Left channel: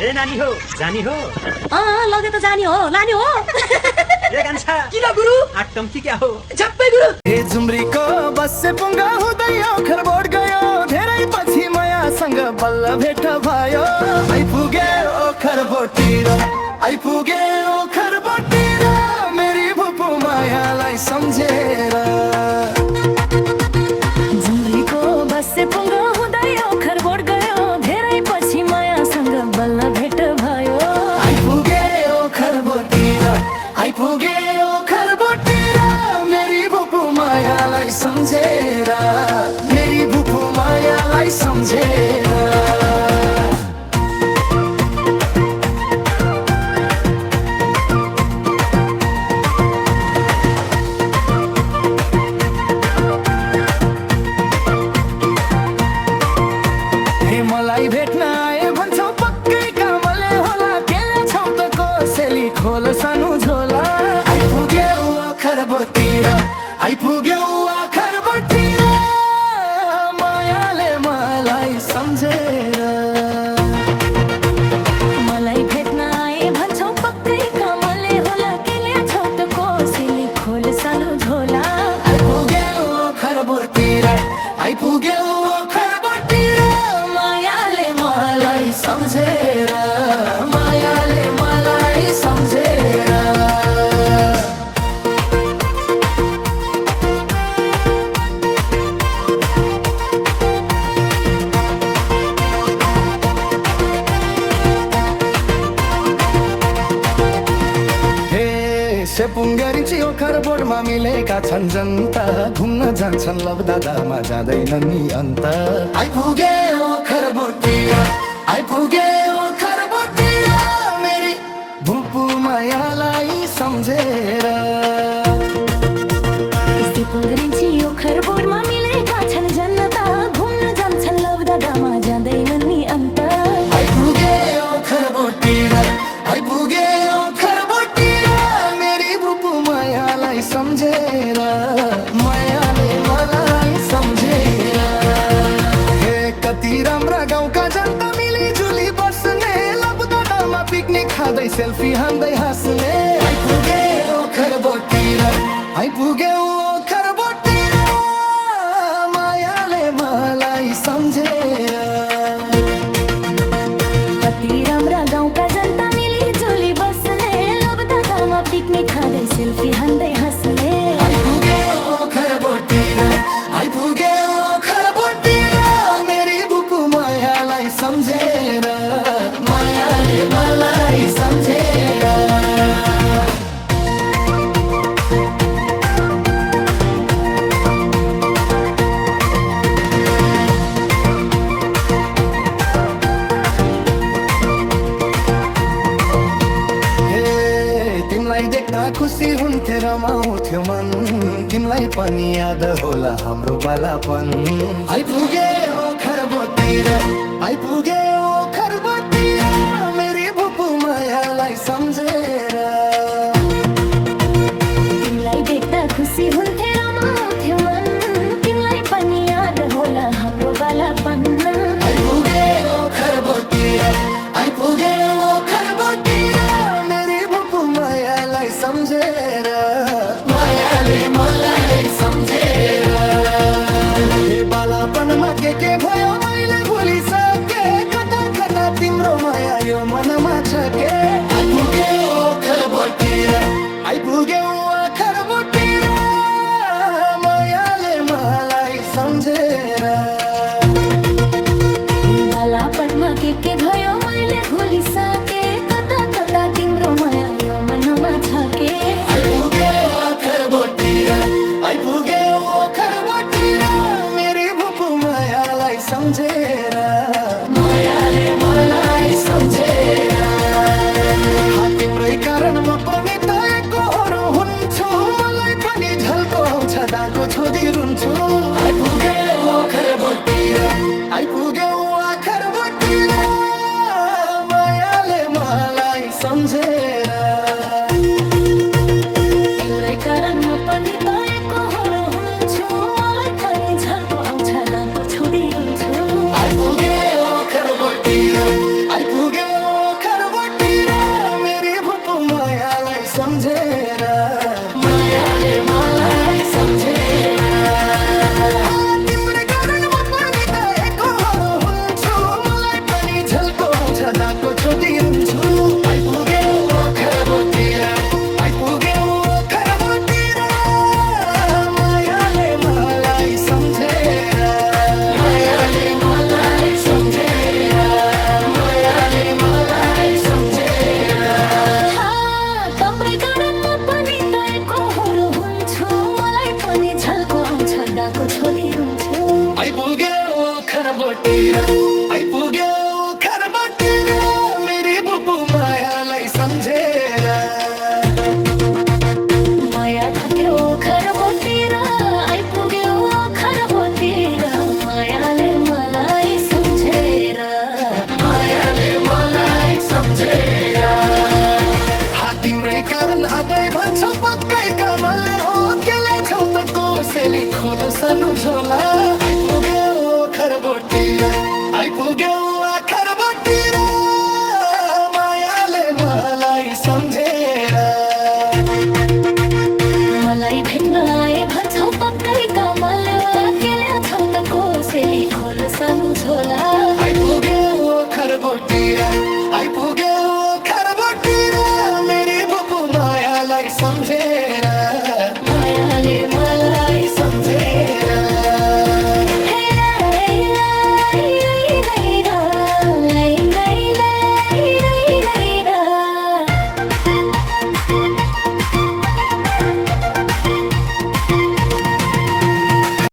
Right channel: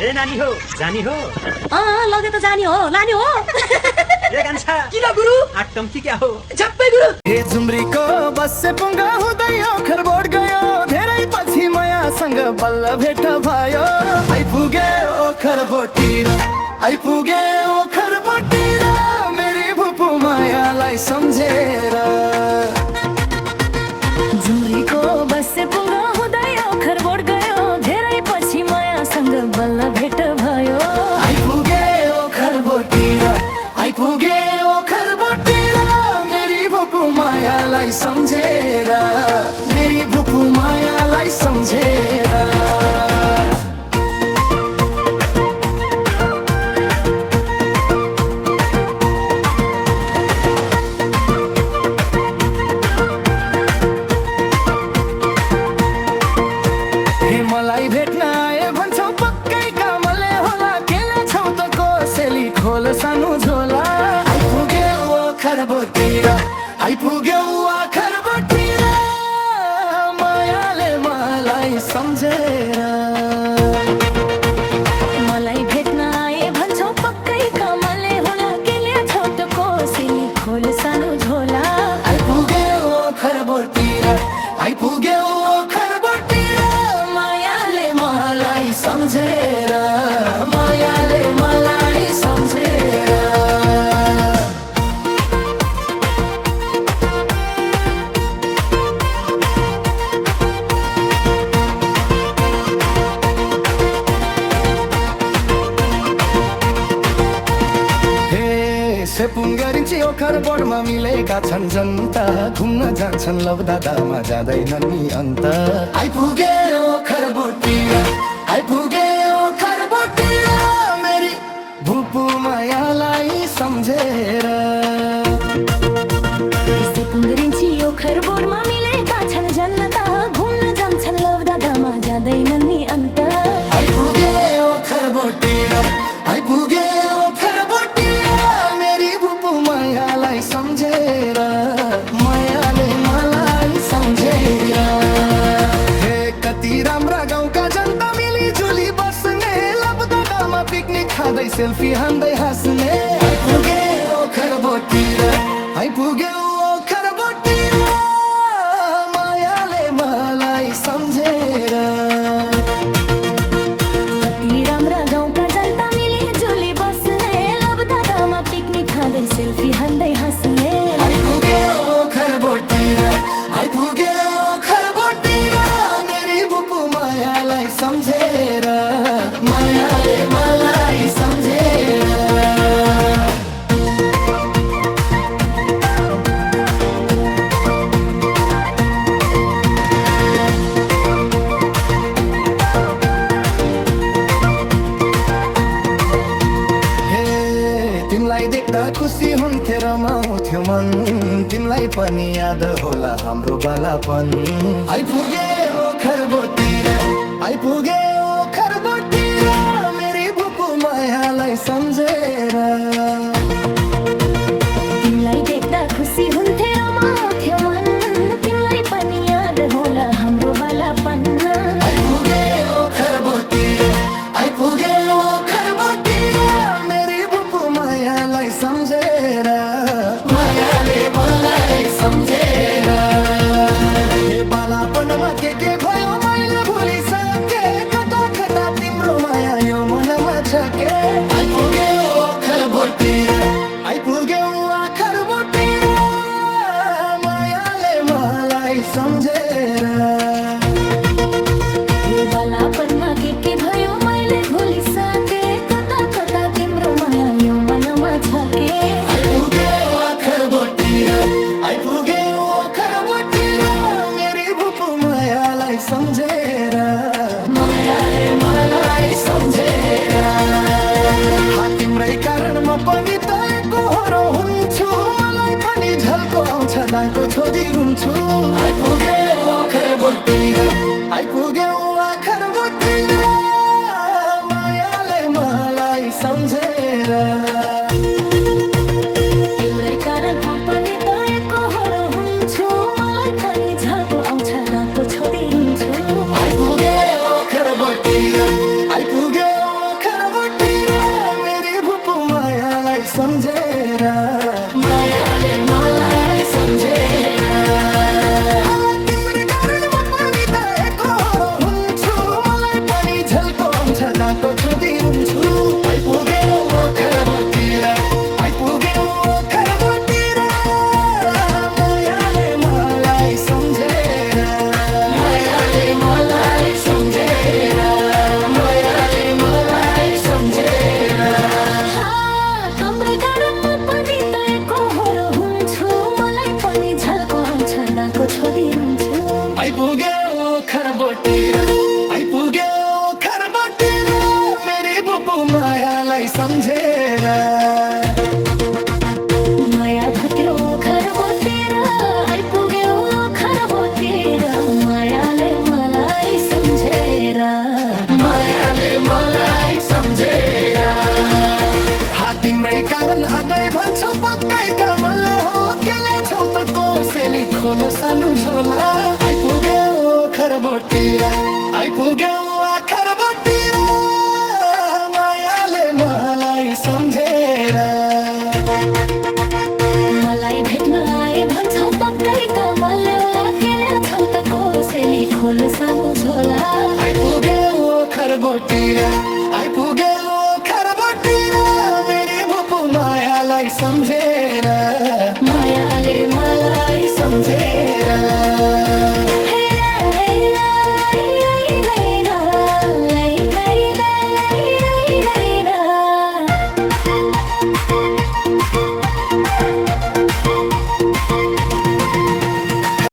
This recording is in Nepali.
ए नानी हो जानी हो लगे त जाने हो लाने हो ए कान्छा किन गुरु आटम कि क्या हो झप्पै गुरु हे झुम्रीको बसे पुङ्गा हुँदै ओखरबोट गयो धेरै पछि मायासँग बल्ल भेट भयो आइपुगे ओखरबोटतिर आइपुगे ओखरबोटतिर मेरी भुपु मायालाई सम्झेर झुम्रीको बसे पुङ्गा हुँदै ओखरबोट गयो धेरै पछि मायासँग बल्ल भेट भयो आइपुगे ओखरबोटतिर आइपुगे ओखरबोटतिर मेरी भुपु मायालाई सम्झेर मेरी भुपु मायालाई सम्झेर मलाई भेट्न आए भन्छौ पक्कै कामले होला केले छौ त कोसेली खोल सानो झोला आइपुगे ओखरबोटतिर आइपुगे ओखरबोटतिर मायाले मलाई सम्झेर मलाई भेट्न आए भन्छौ पक्कै कामले होला केले छौ त कोसेली खोल सानो झोला आइपुगे ओखरबोटतिर आइपुगे ओखरबोटतिर मायाले मलाई सम्झेर मायाले मलाई सम्झेर सेपुङ्गरिन्छी ओखरबोटमा मिलेका छन् जनता घुम्न जान्छन् लभ दादामा जाँदैनन् नि अन्त आइपुगे ओखरबोटतिर आइपुगे ओखरबोटतिर मेरी भुपु मायालाई सम्झेर सेपुङ्गरिन्छी ओखरबोटमा मिलेका छन् जनता घुम्न जान्छन् लभ दादामा जाँदैनन् नि अन्त आइपुगे ओखरबोटतिर आइपुगे ओखरबोटतिर मेरी भुपु मायालाई सम्झेर मायाले मलाई सम्झेर हे कति राम्रा गाउँका जनता मिलिजुली बस्ने लभ दादामा पिकनिक खाँदै सेल्फी हान्दै हाँस्ने आइपुगे ओखरबोटतिर आइपुगे ओखरबोटतिर मायाले मलाई सम्झेर कति राम्रा गाउँका जनता मिलिजुली बस्ने लभ दादामा पिकनिक खाँदै सेल्फी हान्दै हाँस्ने आइपुगे ओखरबोटतिर आइपुगे ओखरबोटतिर मेरी भुपु मायालाई सम्झेर मायाले मलाई सम्झेर तिमलाई देख्दा खुसी हुन्थे रमाउँथ्यो मन तिमलाई पनि याद होला हाम्रो बालापन आइपुगे ओखरबोटतिर आइपुगे ओखरबोटतिर मेरी भुपु मायालाई सम्झेर तिमलाई देख्दा खुसी हुन्थे रमाउँथ्यो मन तिमलाई पनि याद होला हाम्रो बालापन आइपुगे ओखरबोटतिर आइपुगे ओखरबोटतिर मेरी भुपु मायालाई सम्झेर मायाले मलाई सम्झेर हे बालापनमा के भयो मैले भुलिसके कता कता तिम्रो माया यो मनमा छ के आइपुगे ओखरबोटतिर आइपुगे ओखरबोटतिर मायाले मलाई सम्झेर बालापनमा के भयो मैले भुलिसके कता कता तिम्रो माया यो मनमा छ के आइपुगे ओखरबोटतिर आइपुगे ओखरबोटतिर मेरी भुपु मायालाई सम्झेर मायाले मलाई सम्झेर तिम्रै कारण म पनि त एकहोरो हुन्छु मलाई पनि झल्को आउँछ दाको छोदी रुन्छु आइपुगे ओखरबोटतिर आइपुगे ओखरबोटतिर मायाले मलाई सम्झेर तिम्रै कारण म पनि त एकहोरो हुन्छु मलाई पनि झल्को आउँछ दाको छोदी रुन्छु आइपुगे ओखरबोटतिर आइपुगे खरबोटी र मेरी भुपु मायालाई सम्झेर मायाले मलाई सम्झेर तिम्रो कारण म पनि त एकहोरो हुन्छु मलाई पनि झल्को आउँछ दाको छोडी रुन्छु आइपुग्यो खरबोटी र आइपुग्यो खरबोटी र मायाले मलाई सम्झेर मायाले मलाई सम्झेर मायाले मलाई सम्झेर तम्रे गारमा पनि त एकहोरो हुन्छु मलाई पनि झल्को आउँछ दाको छोरी रुन्छु आइपुग्यो खरबोटी र आइपुग्यो खरबोटी र मेरी भुपु मायालाई सम्झेर माया थक्यो खरबोतिर आइपुग्यो खरबोतिर मायाले मलाई सम्झेर मायाले मलाई सम्झेर तिम्रै कारण अबै भन्छौ पक्कै कामले हो गेले छौ त कोसेली खोल सानो झोला आइपुग्यो खरबोटी र आइपुग्यो खरबोटी र मायाले मलाई सम्झेर मलाई भेट्न आए भन्छौ पक्कै कामले होला गेल्या छौ त कोसेली खोल सानो झोला आइपुग्यो खरबोटी र आइपुग्यो खरबोटी र मेरी भुपु मायालाई सम्झेर मायाले मलाई